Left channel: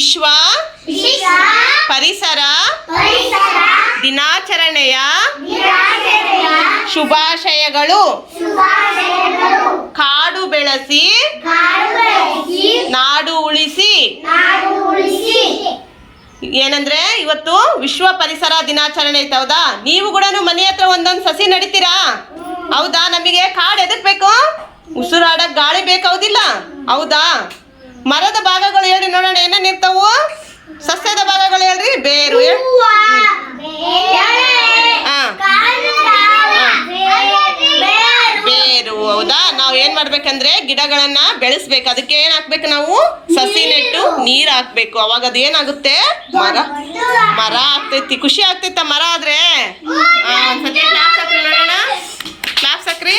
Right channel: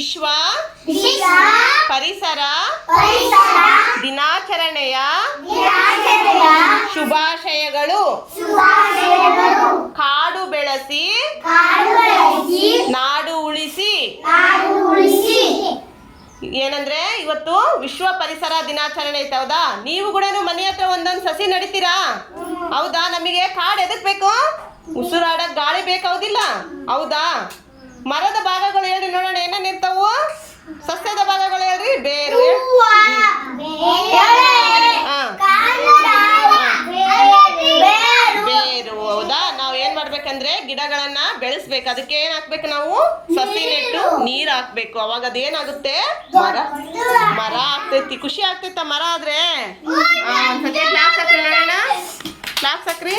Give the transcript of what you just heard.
ವಿಶ್ವ ಪರಿಸರ ದಿನಾಚರಣೆಯ ಶುಭಾಶಯಗಳು. ಕಾಡು ಬೆಳೆಸಿ ನಾಡು ಉಳಿಸಿ ಏನಂದ್ರೆ ಇವತ್ತು ವಿಶ್ವ ಪರಿಸರ ದಿನಾಚರಣೆ ಐತೆ ಹೌದಾ? ನೀವು ಕೂಡ ಮನೆ ಹತ್ರ ಒಂದೊಂದು ಸಸಿ ನಡಿತೀರಾ? ಹೌದಾ? ನಮಗೆ ಕಾಡು ಎದಕ್ ಬೇಕು ಉಸಿರಾಡಕ್ ಗಾಳಿ ಬೇಕೌದಿಲ್ಲ ಹೌದಾ? ಮರದ ನಾವ್ ಏನ್ ಮಾಡ್ಬೇಕಂದ್ರೆ ಗಿಡಗಳನ್ನ ಬೆಳೆಸ್ಬೇಕು. ಅದಕ್ಕೆ ಏನ್ ಹಾಕ್ಬೇಕು ನಾವು? ಸಸಿ ನೆಟ್ಟು ನೀರ್ ಹಾಕ್ಬೇಕು. ಅವಾಗ ಅದೇನಾಗುತ್ತೆ ಮರ. ಮರ ಆಗ್ತೈತಿ. ಖುಷಿ ಆಗ್ತೈತ ಮರ ಆದ್ರೆ? ಕ್ಲಾಸ್ ಹಾಕ್ರಿ ನೋಡೋಣ ಕ್ಲಾಸ್ ಹಾಕ್ರಿ